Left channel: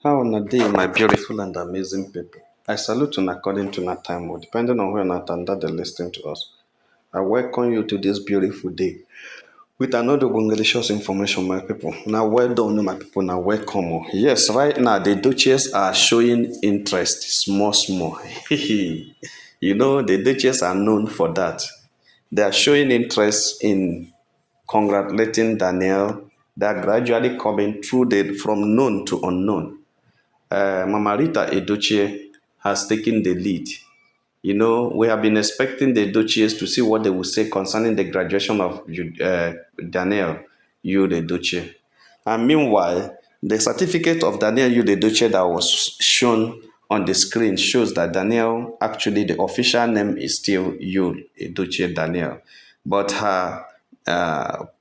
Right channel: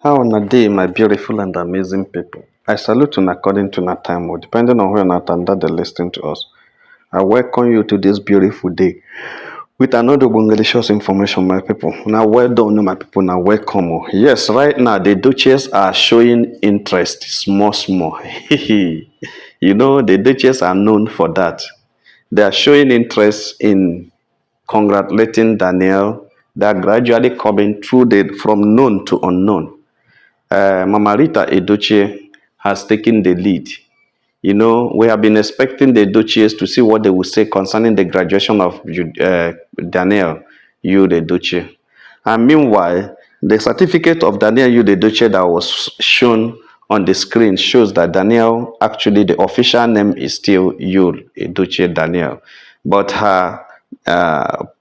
How on a day, my beautiful and amazing people. I salute you according to that time, or depending on where not under the listening to us. I welcome you to this beautiful day with another delicious information, my people. Now, well done, my people. Now, welcome. Yes, right now the Duchess are showing interest, small, small. The Duchess are known for that. They are showing interest in congratulating Danielle. They are gradually coming through from known to unknown. Mamarita Edochie has taken the lead. We have been expecting the Duchess to see what they will say concerning the graduation of Danielle Edochie. And meanwhile, the certificate of Danielle Edochie that was shown on the screen shows that Danielle, actually, the official name is still Edochie Danielle. But her,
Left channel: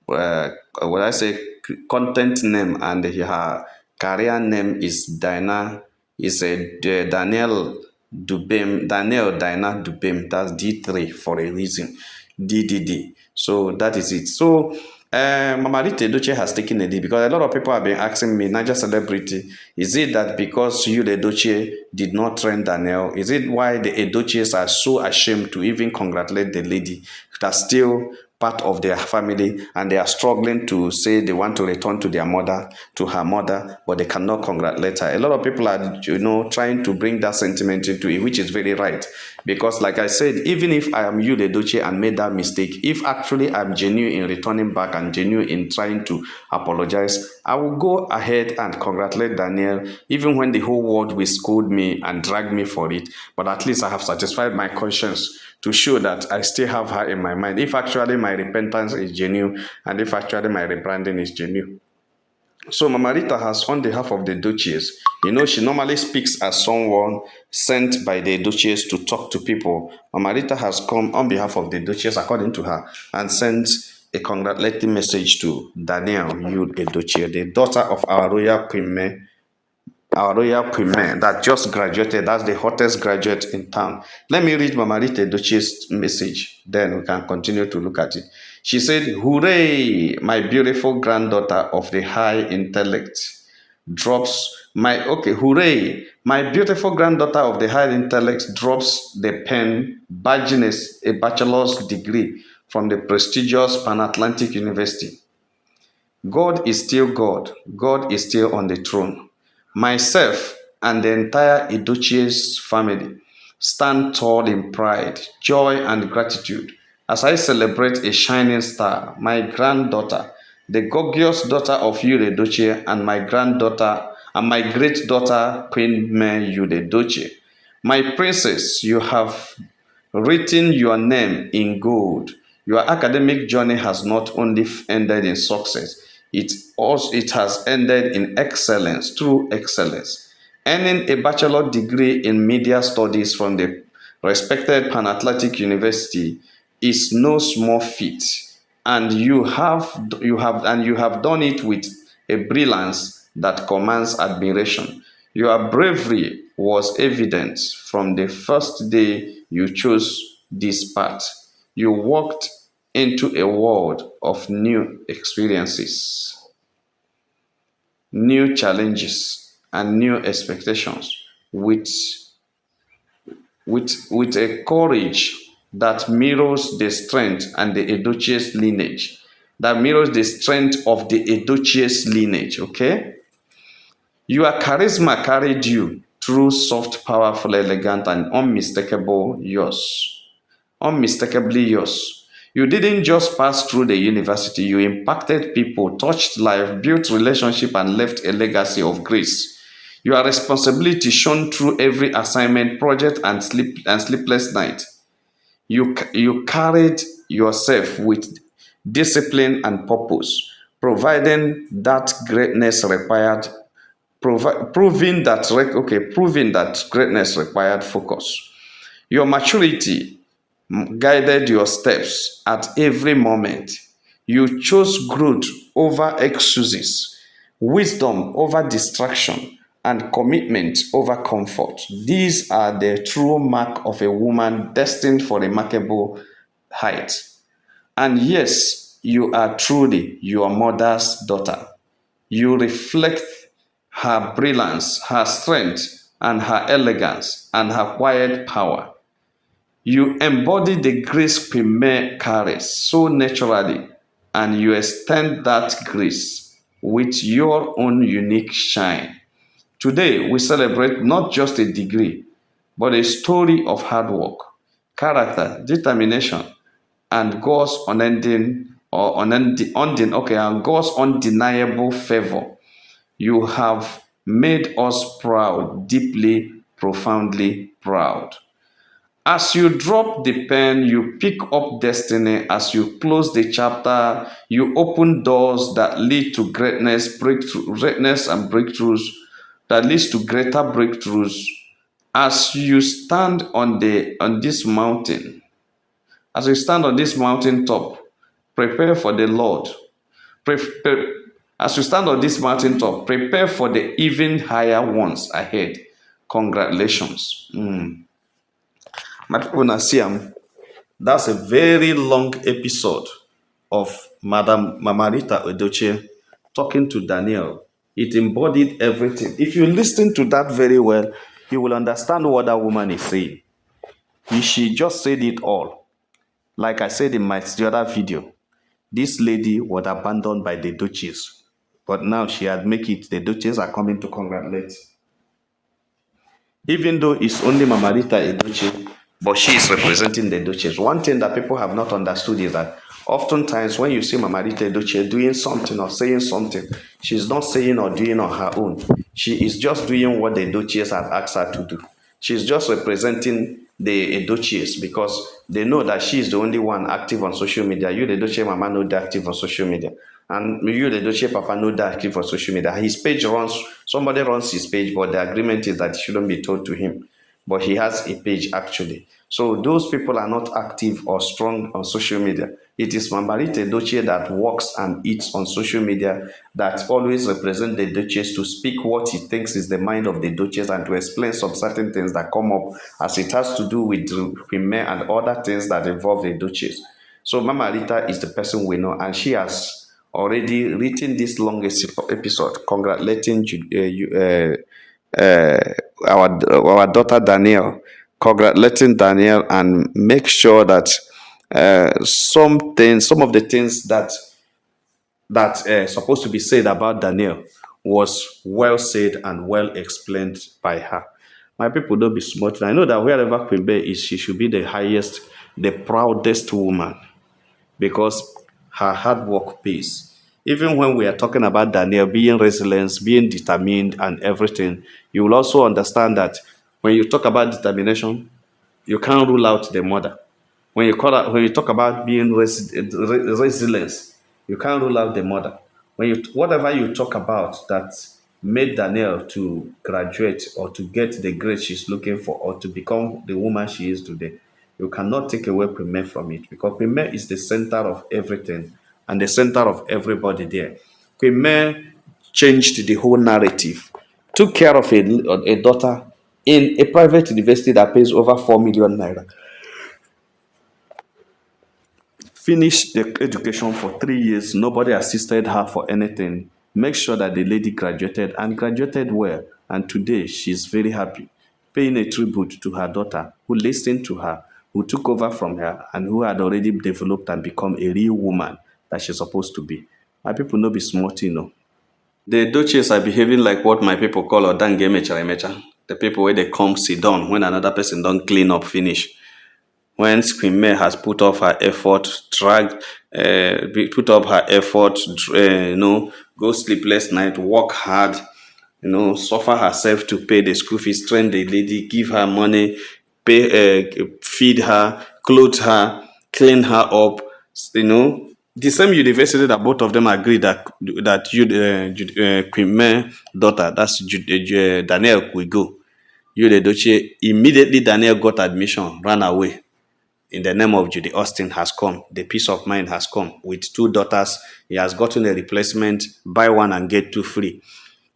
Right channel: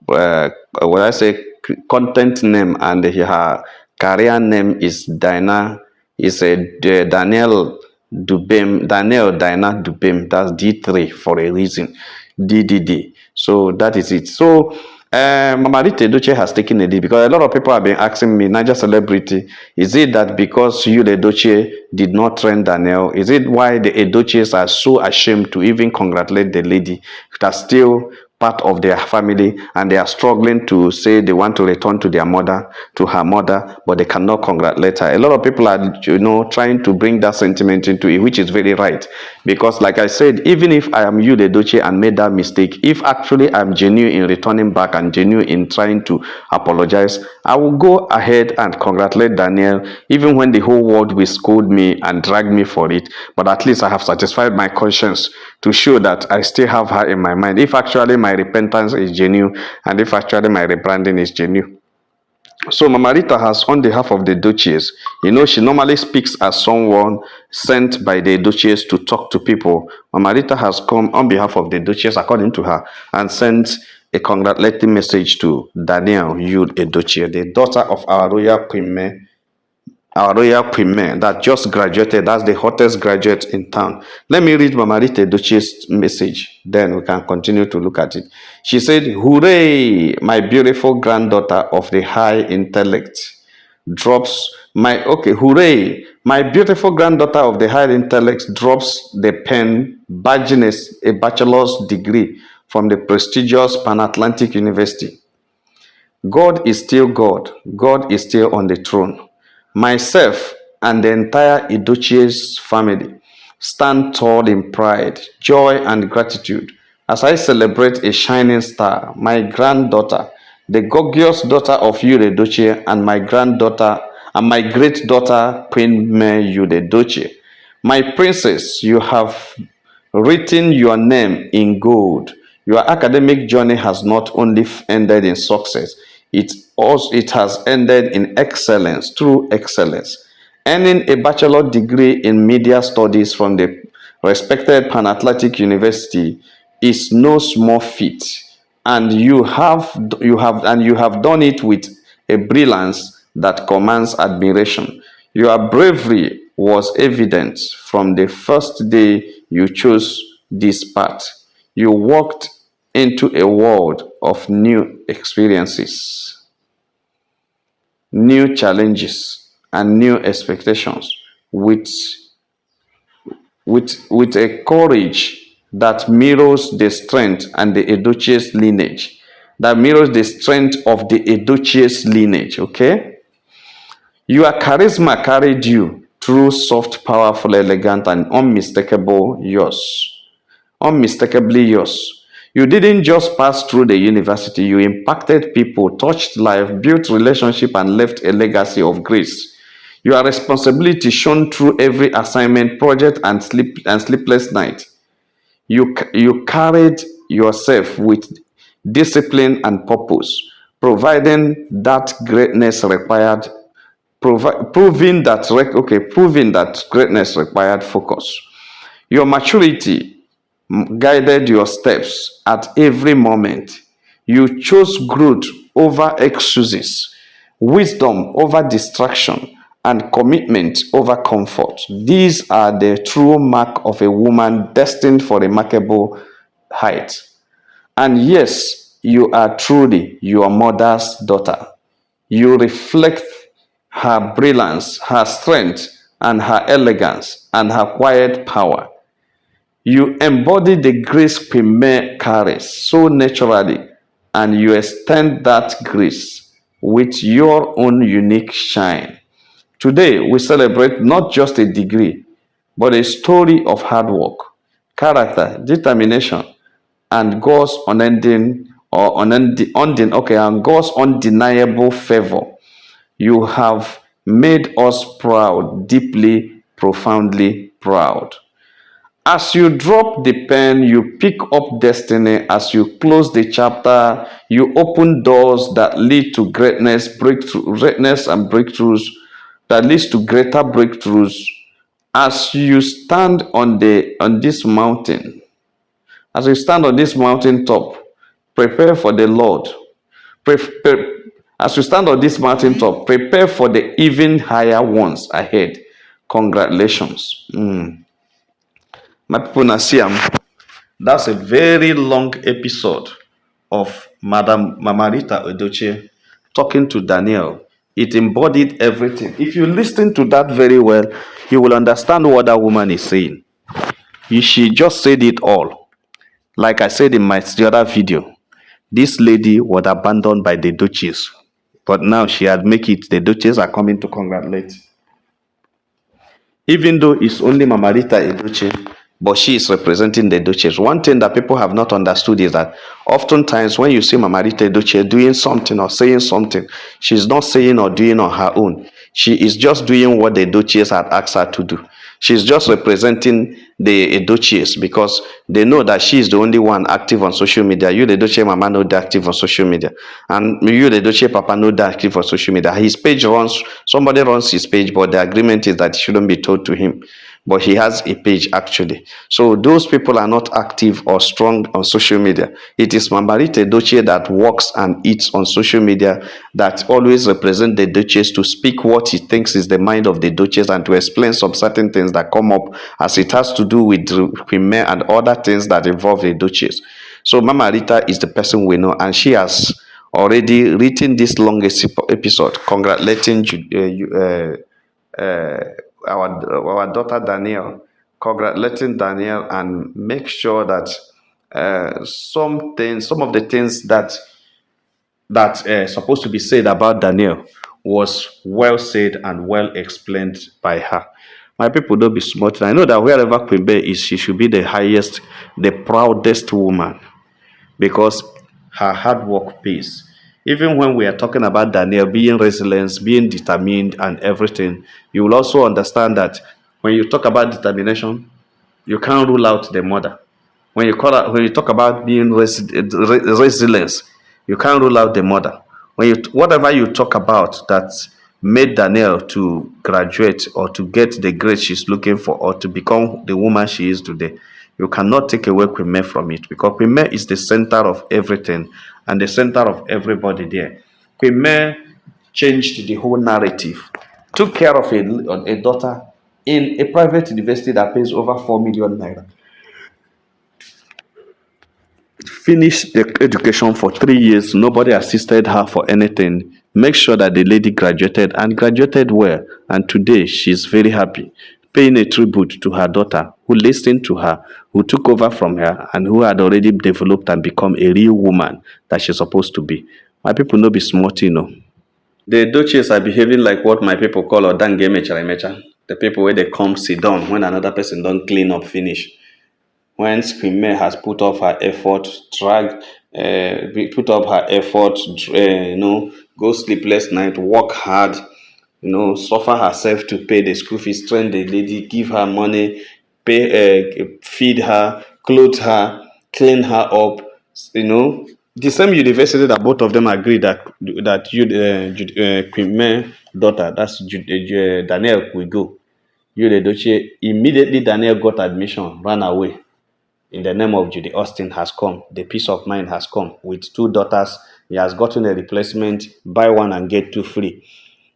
what I say, content name and her career name is Danielle Danielle Dina Dubem. That's D3 for a reason. DDD. So that is it. So Mamarita Edochie has taken a lead because a lot of people have been asking me, Niger celebrity, is it that because you, the Edochie, did not train Danielle? Is it why the Edochies are so ashamed to even congratulate the lady that's still part of their family and they are struggling to say they want to return to her mother, but they cannot congratulate her? A lot of people are, trying to bring that sentiment into it, which is very right. Because, like I said, even if I am you, the Duchess, and made that mistake, if actually I'm genuine in returning back and genuine in trying to apologize, I will go ahead and congratulate Danielle, even when the whole world will scold me and drag me for it. But at least I have satisfied my conscience to show that I still have her in my mind. If actually my repentance is genuine and if actually my rebranding is genuine. So Mamarita has, on behalf of the Duchess, she normally speaks as someone sent by the Duchess to talk to people. Mamarita has come on behalf of the Duchess, according to her, and sent a congratulatory message to Danielle Yud Edochie, the daughter of our royal premier that just graduated. That's the hottest graduate in town. Let me read Mamarita Edochie's message, then we can continue to look at it. She said, "Hooray, my beautiful granddaughter of the high intellect drops my okay, hooray, my beautiful granddaughter of the high intellect drops the pen, badging a bachelor's degree from the prestigious Pan Atlantic University. God is still God. God is still on the throne. Myself and the entire Edochie's family stand tall in pride, joy, and gratitude as I celebrate a shining star, my granddaughter, the gorgeous daughter of Yude Edochie, and my granddaughter and my great daughter, Queen Mary Yude Edochie. My princess, you have written your name in gold. Your academic journey has not only ended in success, it has ended in excellence, true excellence. Earning a bachelor degree in media studies from the respected Pan Atlantic University is no small feat, and you have done it with a brilliance that commands admiration. Your bravery was evident from the first day you chose this path. You walked into a world of new experiences, new challenges, and new expectations with, with a courage that mirrors the strength and the Edochie's lineage. That mirrors the strength of the Edochie's lineage, okay? Your charisma carried you through soft, powerful, elegant, and unmistakable yours. Unmistakably yours. You didn't just pass through the university, you impacted people, touched life, built relationship, and left a legacy of grace. Your responsibility shone through every assignment, project, and sleepless night. You carried yourself with discipline and purpose, providing that greatness required proving that greatness required focus. Your maturity guided your steps at every moment. You chose growth over excuses, wisdom over distraction, and commitment over comfort. These are the true mark of a woman destined for remarkable heights. And yes, you are truly your mother's daughter. You reflect her brilliance, her strength, and her elegance, and her quiet power. You embody the grace Premier carries so naturally, and you extend that grace with your own unique shine. Today, we celebrate not just a degree, but a story of hard work, character, determination, and God's unending or and God's undeniable favor. You have made us proud, deeply, profoundly proud. As you drop the pen, you pick up destiny. As you close the chapter, you open doors that lead to greatness and breakthroughs that leads to greater breakthroughs. As you stand on this mountain, as you stand on this mountain top, prepare for the Lord. Prepare, as you stand on this mountain top, prepare for the even higher ones ahead. Congratulations. My people, na see am. That's a very long episode of Madam Mamarita Edochie talking to Danielle. It embodied everything. If you listen to that very well, you will understand what that woman is saying. She just said it all. Like I said in my the other video, this lady was abandoned by the Duchess, but now she had make it. The Duchess are coming to congratulate. Even though it's only Mamarita Edochie, but she is representing the Duchess. One thing that people have not understood is that oftentimes when you see Mamarita Edochie doing something or saying something, she's not saying or doing on her own. She is just doing what the Duchess had asked her to do. She's just representing the Edochies because they know that she is the only one active on social media. You, the Edochie Mama, know that active on social media. And you, the Edochie Papa, know that active on social media. His page runs, somebody runs his page, but the agreement is that it shouldn't be told to him. But he has a page actually. So those people are not active or strong on social media. It is Mamarita Edochie that works and eats on social media that always represent the Duchess to speak what he thinks is the mind of the Duchess and to explain some certain things that come up as it has to do with Premier and other things that involve the Duchess. So Mama Rita is the person we know, and she has already written this longest episode congratulating our daughter Danielle, congratulating Danielle, and make sure that some of the things that supposed to be said about Danielle was well said and well explained by her. My people, don't be smart. I know that wherever Queen Bey is, she should be the highest, the proudest woman because her hard work pays. Even when we are talking about Danielle being resilient, being determined, and everything, you will also understand that when you talk about determination, you can't rule out the mother. When you talk about being resilience, you can't rule out the mother. Whatever you talk about that made Danielle to graduate or to get the grade she's looking for or to become the woman she is today, you cannot take away Queen from it because Queen is the center of everything and the center of everybody there. Queen changed the whole narrative, took care of a daughter in a private university that pays over 4 million naira. Finished the education for 3 years. Nobody assisted her for anything. Make sure that the lady graduated and graduated well. And today she's very happy, paying a tribute to her daughter who listened to her, who took over from her, and who had already developed and become a real woman that she's supposed to be. My people no be smart, you know. The Duchess are behaving like what my people call odange mechara mecha. The people where they come sit down when another person don't clean up finish. When Queen has put up her effort, put up her effort, go sleepless night, work hard, suffer herself to pay the school fees, train the lady, give her money, feed her, clothe her, clean her up, the same university that both of them agree that Queen daughter, that's Danielle, will go. The Edochie, immediately Danielle got admission, ran away in the name of Judy Austin has come. The peace of mind has come. With 2 daughters, he has gotten a replacement. Buy one and get 2 free.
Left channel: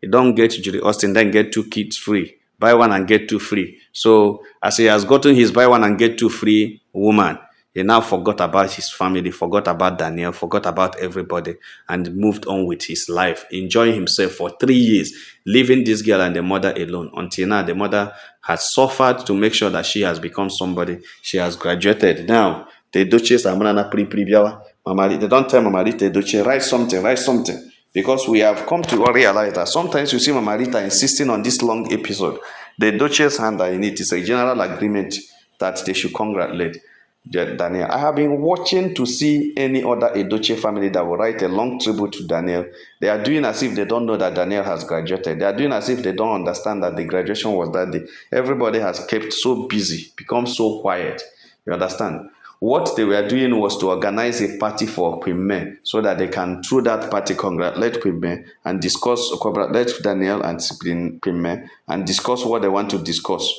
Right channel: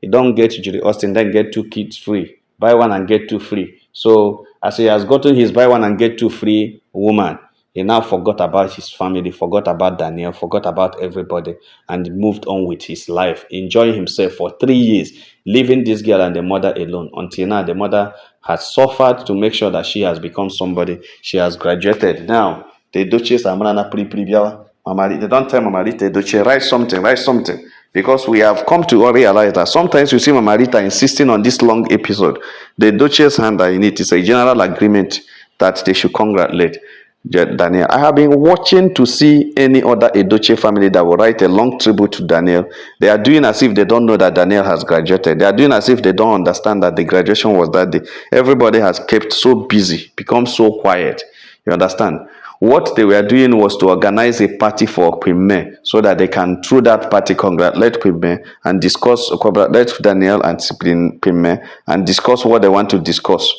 You don't get Judy Austin, then get 2 kids free. Buy one and get 2 free. So as he has gotten his buy one and get 2 free woman, He now forgot about his family, forgot about Danielle, forgot about everybody, and moved on with his life, enjoying himself for 3 years, leaving this girl and the mother alone. Until now, the mother has suffered to make sure that she has become somebody. She has graduated. Now, the Duchess Amrana Pribiawa, Mama, they don't tell Mama Rita, Edochie, write something, write something. Because we have come to realize that sometimes you see Mamarita insisting on this long episode. The Duchess hand in it is a general agreement that they should congratulate Danielle. I have been watching to see any other Edochie family that will write a long tribute to Danielle. They are doing as if they don't know that Danielle has graduated. They are doing as if they don't understand that the graduation was that day. Everybody has kept so busy, become so quiet. You understand? What they were doing was to organize a party for Queen May so that they can, through that party, congratulate Queen May and discuss, congratulate Danielle and Queen May and discuss what they want to discuss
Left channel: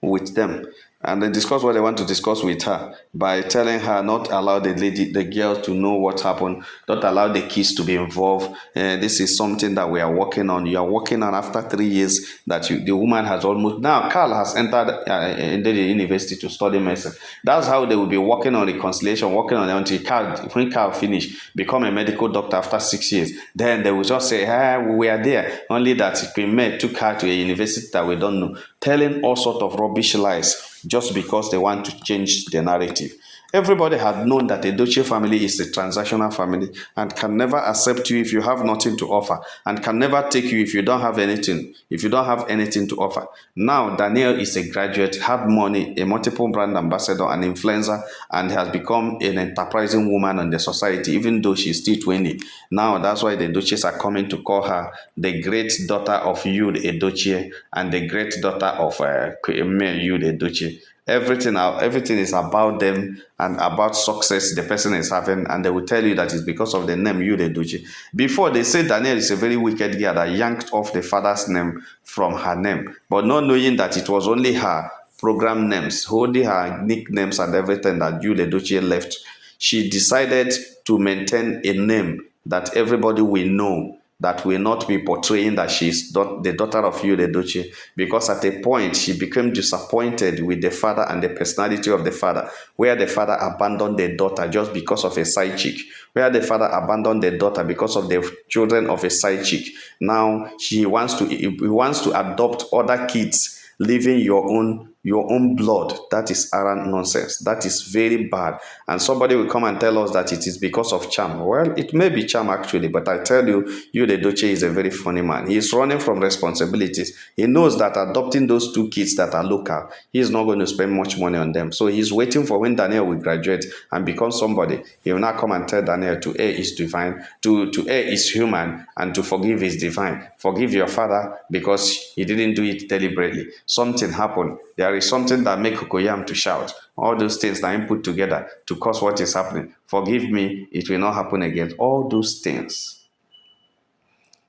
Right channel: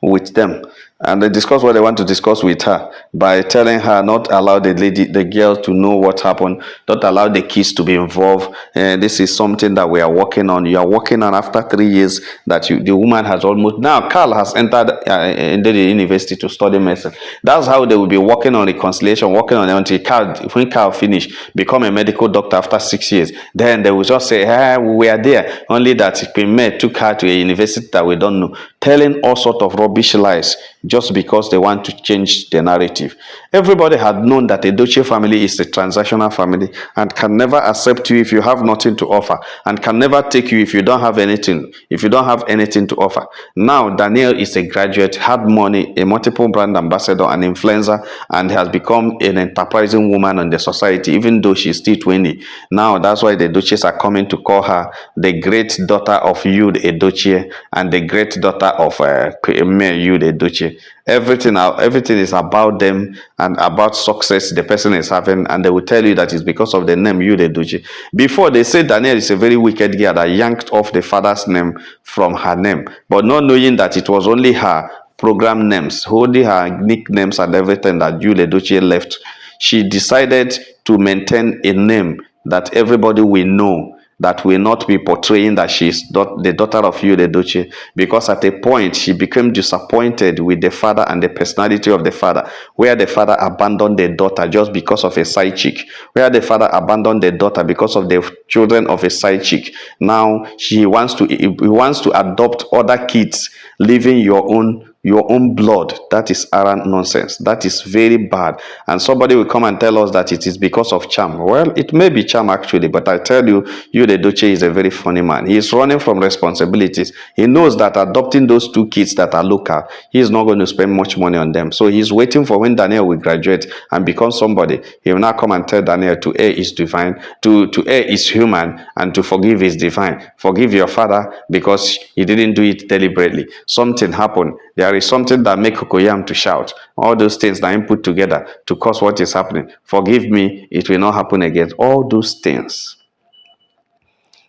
with them, and they discuss what they want to discuss with her by telling her not allow the girl to know what happened, not allow the kids to be involved. This is something that we are working on. You are working on after 3 years that the woman has almost now. Carl has entered the university to study medicine. That's how they will be working on reconciliation, working on it until when Carl finish, become a medical doctor after 6 years. Then they will just say, hey, we are there. Only that Pime took her to a university that we don't know, telling all sort of rubbish lies just because they want to change the narrative. Everybody had known that a Edochie family is a transactional family and can never accept you if you have nothing to offer, and can never take you if you don't have anything, to offer. Now, Danielle is a graduate, had money, a multiple brand ambassador, an influencer, and has become an enterprising woman in the society, even though she's still 20. Now, that's why the Duchess are coming to call her the great daughter of Yud Edochie and the great daughter of Yud Edochie. Everything is about them and about success the person is having, and they will tell you that it's because of the name Yud Edochie. Before, they say Danielle is a very wicked girl that yanked off the father's name from her name, but not knowing that it was only her program names, only her nicknames and everything that Yud Edochie left. She decided to maintain a name that everybody will know, that will not be portraying that she is the daughter of Edochie, because at a point she became disappointed with the father and the personality of the father, where the father abandoned the daughter just because of a side chick, where the father abandoned the daughter because of the children of a side chick. Now he wants to adopt other kids, leaving your own blood. That is arrant nonsense. That is very bad. And somebody will come and tell us that it is because of charm. Well, it may be charm actually, but I tell you, the Duchess is a very funny man. He is running from responsibilities. He knows that adopting those two kids that are local, he is not going to spend much money on them. So he's waiting for when Danielle will graduate and become somebody. He will now come and tell Danielle to err is divine, to err is human, and to forgive is divine. Forgive your father because he didn't do it deliberately. Something happened. There is something that make Kokoyam to shout. All those things that I put together to cause what is happening. Forgive me, it will not happen again. All those things.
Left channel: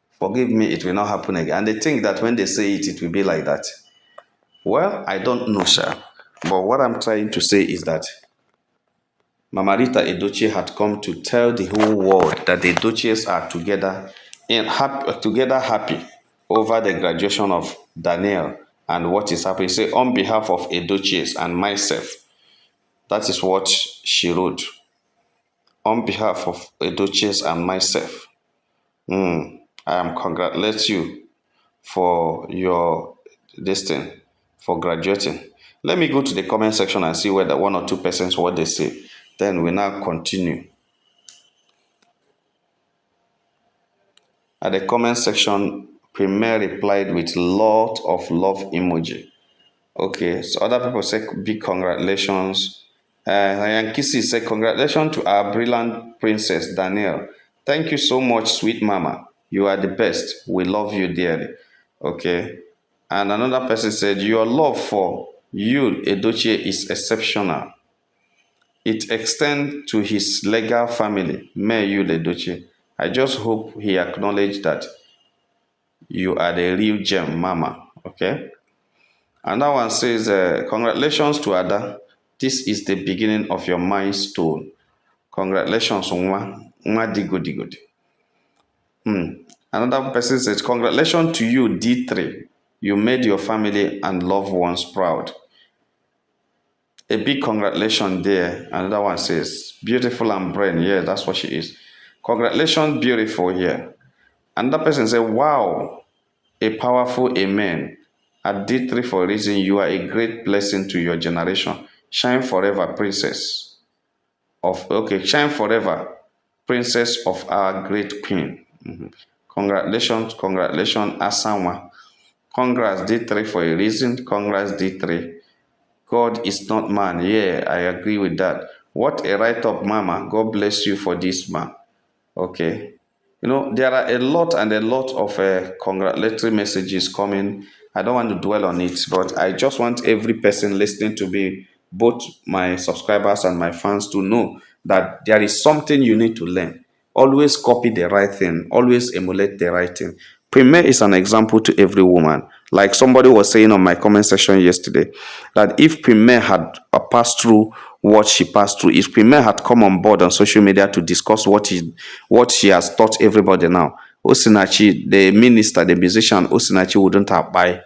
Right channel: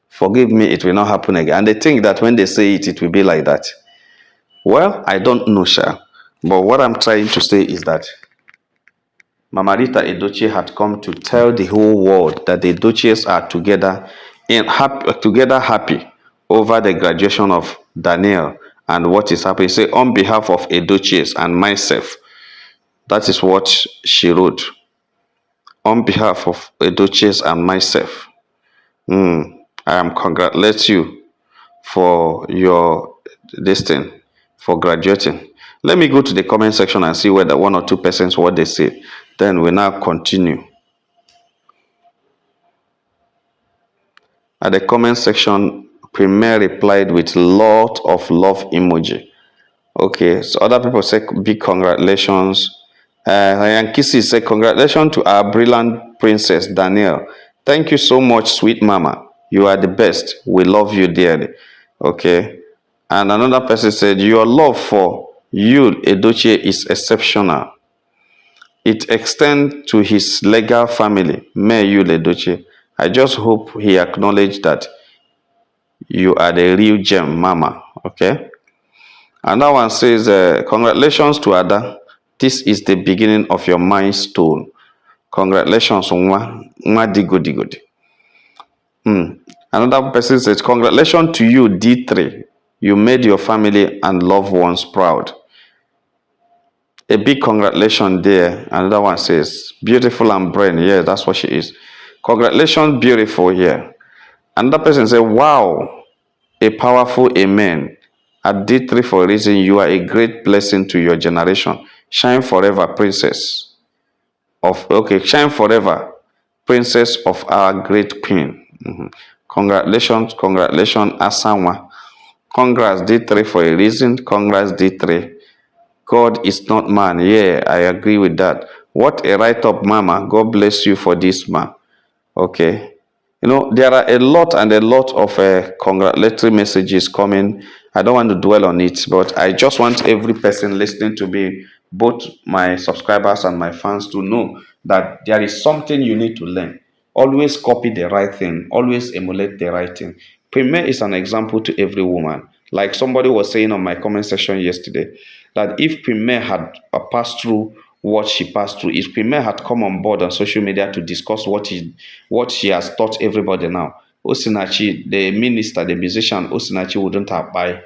Forgive me, it will not happen again. And they think that when they say it, it will be like that. Well, I don't know, sir. But what I'm trying to say is that Mamarita Edochie had come to tell the whole world that the Duchess are together happy over the graduation of Danielle and what is happening. Say, on behalf of Edochie and myself, that is what she wrote. On behalf of Edochie and myself, I am congratulate you for your for graduating. Let me go to the comment section and see whether one or two persons what they say. Then we now continue. At the comment section, Premier replied with lot of love emoji. Okay, so other people say big congratulations. Yankisi said congratulations to our brilliant princess Danielle. Thank you so much, sweet mama. You are the best. We love you dearly. Okay. And another person said your love for you, Edochie, is exceptional. It extends to his legal family, May Yul Edochie. I just hope he acknowledged that you are the real gem, Mama. Okay. Another one says, congratulations to Ada. This is the beginning of your milestone. Congratulations, Nwa. Nwa digo digo. Another person says, congratulations to you, D3. You made your family and loved ones proud. A big congratulations there. Another one says, beautiful and brain. Yeah, that's what she is. Congratulations, beautiful here. Another person said, wow, a powerful amen. At D3 for a reason, you are a great blessing to your generation. Shine forever, princess okay, shine forever, princess of our great queen. Mhm. Congratulations, congratulations, Asanwa. Congrats, D3 for a reason. Congrats, D3. God is not man. Yeah, I agree with that. What a write up, Mama. God bless you for this, man. Okay. There are a lot and a lot of congratulatory messages coming. I don't want to dwell on it, but I just want every person listening to me, both my subscribers and my fans, to know that there is something you need to learn. Always copy the right thing, always emulate the right thing. Premier is an example to every woman. Like somebody was saying on my comment section yesterday, that if Premier had passed through what she passed through, if Premier had come on board on social media to discuss what she has taught everybody now, Osinachi, the minister, the musician, Osinachi wouldn't have buy,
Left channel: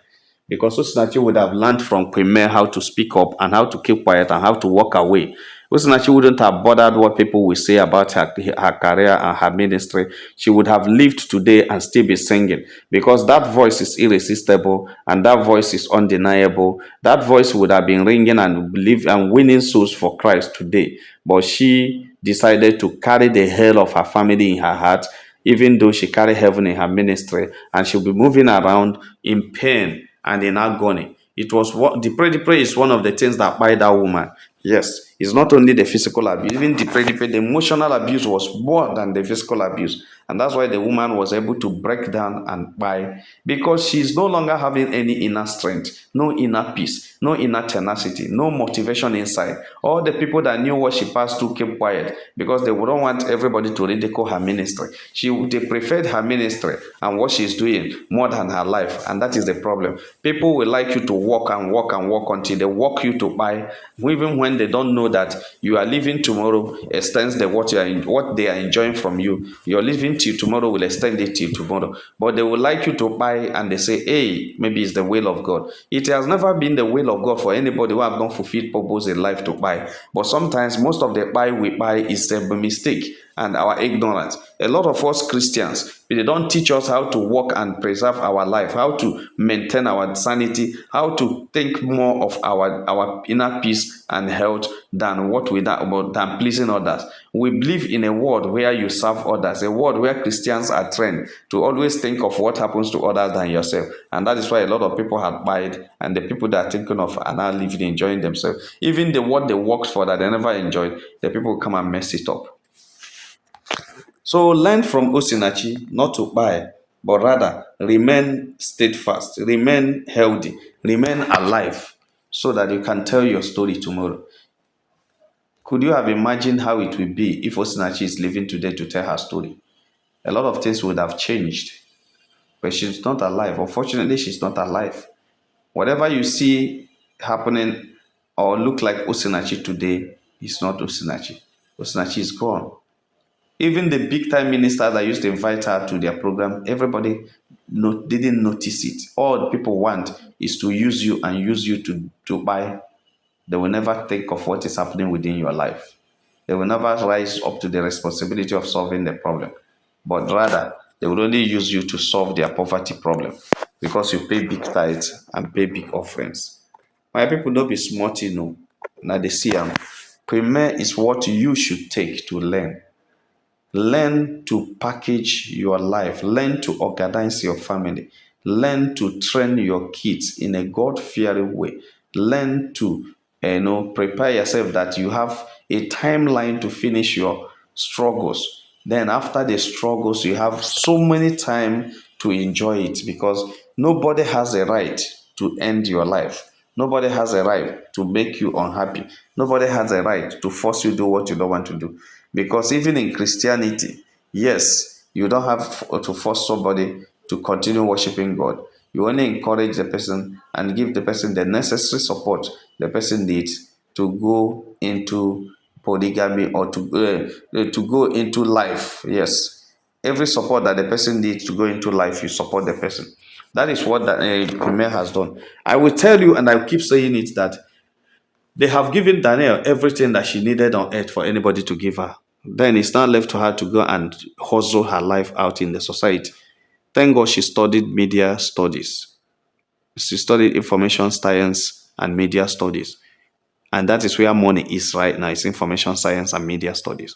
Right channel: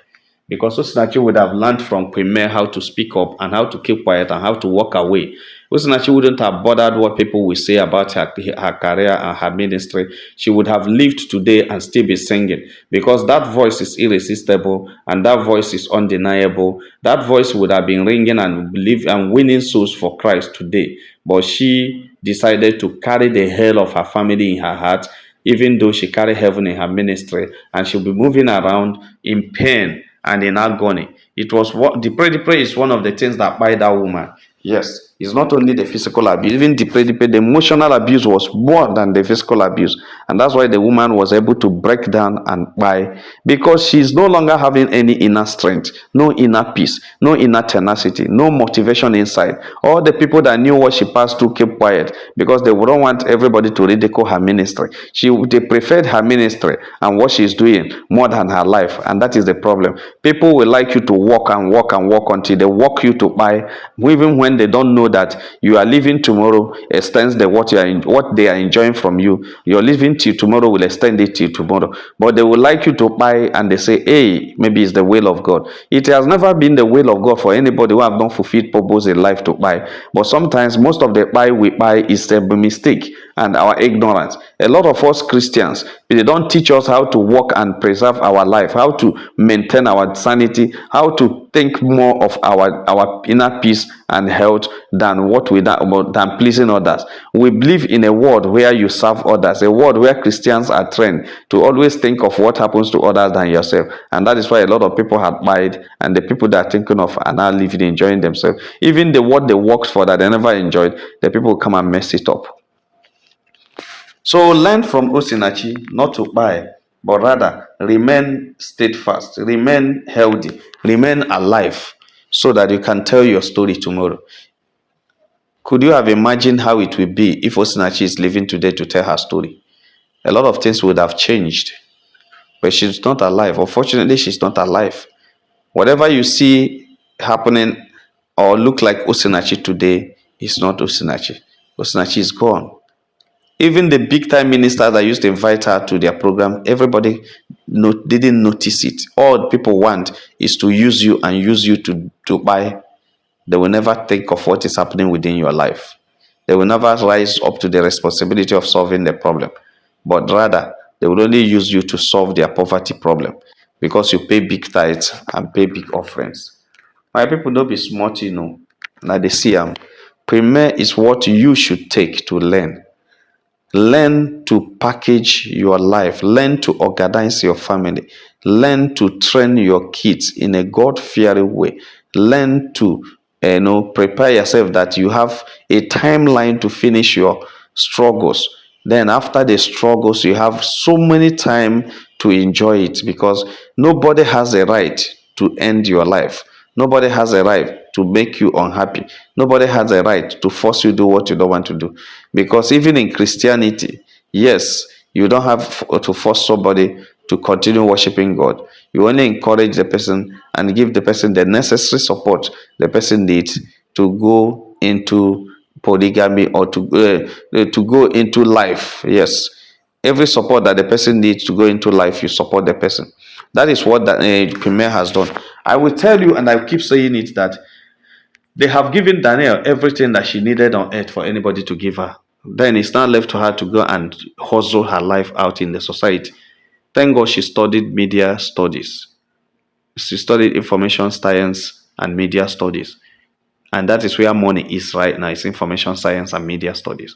because Osinachi would have learned from Premier how to speak up and how to keep quiet and how to walk away. Osinachi wouldn't have bothered what people will say about her career and her ministry. She would have lived today and still be singing, because that voice is irresistible and that voice is undeniable. That voice would have been ringing and winning souls for Christ today. But she decided to carry the hell of her family in her heart, even though she carry heaven in her ministry, and she'll be moving around in pain and in agony. It was what the pray is one of the things that by that woman. Yes, it's not only the physical abuse, even the emotional abuse was more than the physical abuse. And that's why the woman was able to break down and buy, because she's no longer having any inner strength, no inner peace, no inner tenacity, no motivation inside. All the people that knew what she passed through kept quiet, because they wouldn't want everybody to ridicule her ministry. They preferred her ministry and what she's doing more than her life. And that is the problem. People will like you to walk and walk and walk until they walk you to buy, even when they don't know that you are leaving tomorrow extends what they are enjoying from you. You're leaving till tomorrow will extend it till tomorrow. But they will like you to buy, and they say, hey, maybe it's the will of God. It has never been the will of God for anybody who have not fulfilled purpose in life to buy. But sometimes most of the buy we buy is a mistake and our ignorance. A lot of us Christians, they don't teach us how to walk and preserve our life, how to maintain our sanity, how to think more of our inner peace and health than than pleasing others. We believe in a world where you serve others, a world where Christians are trained to always think of what happens to others than yourself. And that is why a lot of people have died, and the people that are thinking of are now living, enjoying themselves. Even the what they worked for that they never enjoyed, the people come and mess it up. So learn from Osinachi not to buy, but rather remain steadfast, remain healthy, remain alive, so that you can tell your story tomorrow. Could you have imagined how it would be if Osinachi is living today to tell her story? A lot of things would have changed, but she's not alive. Unfortunately, she's not alive. Whatever you see happening or look like Osinachi today is not Osinachi. Osinachi is gone. Even the big time ministers that used to invite her to their program, everybody didn't notice it. All people want is to use you and use you to buy. They will never think of what is happening within your life. They will never rise up to the responsibility of solving the problem. But rather, they will only use you to solve their poverty problem, because you pay big tithes and pay big offerings. My people, don't be smart, Now they see Premier is what you should take to learn. Learn to package your life. Learn to organize your family. Learn to train your kids in a God-fearing way. Learn to prepare yourself that you have a timeline to finish your struggles. Then after the struggles, you have so many time to enjoy it, because nobody has a right to end your life. Nobody has a right to make you unhappy. Nobody has a right to force you to do what you don't want to do. Because even in Christianity, yes, you don't have to force somebody to continue worshiping God. You only encourage the person and give the person the necessary support the person needs to go into polygamy or to go into life. Yes, every support that the person needs to go into life, you support the person. That is what that Premier has done. I will tell you, and I keep saying it, that They have given Danielle everything that she needed on earth for anybody to give her. Then it's now left to her to go and hustle her life out in the society. Thank God she studied media studies. She studied information science and media studies. And that is where money is right now. It's information science and media studies.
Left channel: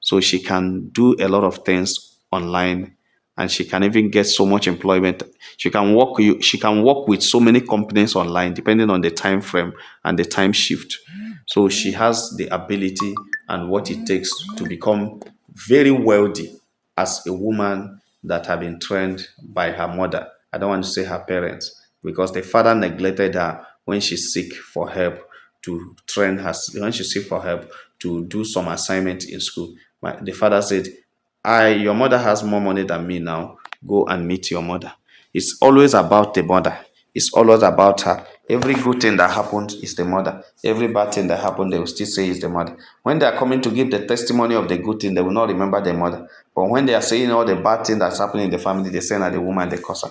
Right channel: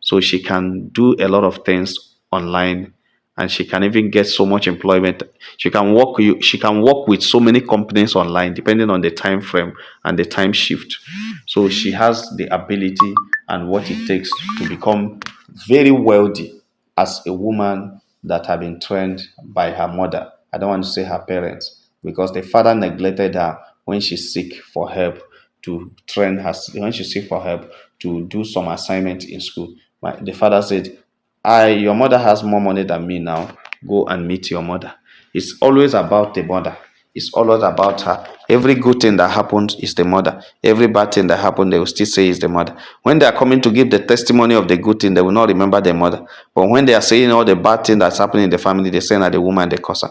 So she can do a lot of things online, and she can even get so much employment. She can work with so many companies online depending on the time frame and the time shift. So she has the ability and what it takes to become very wealthy as a woman that have been trained by her mother. I don't want to say her parents, because the father neglected her when she seek for help to train her, when she seek for help to do some assignment in school. The father said, your mother has more money than me now. Go and meet your mother. It's always about the mother. It's always about her. Every good thing that happens is the mother. Every bad thing that happened, they will still say is the mother. When they are coming to give the testimony of the good thing, they will not remember the mother. But when they are saying all the bad thing that's happening in the family, they say that the woman, they cause her.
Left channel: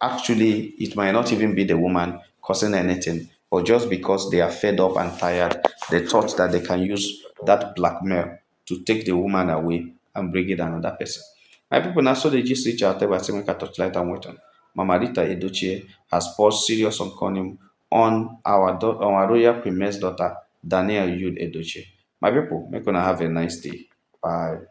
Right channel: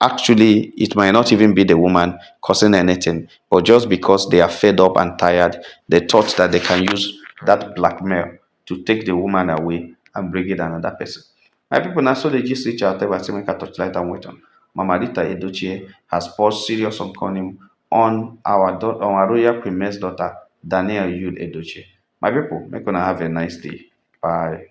Actually, it might not even be the woman causing anything, but just because they are fed up and tired, they thought that they can use that blackmail to take the woman away and bring in another person. My people, now so they just reach out there, say make a touchlight and wait on. Mama Rita Edochie has poured serious on Conim on on our royal queen's daughter, Danielle Yud Edochie. My people, make gonna have a nice day. Bye.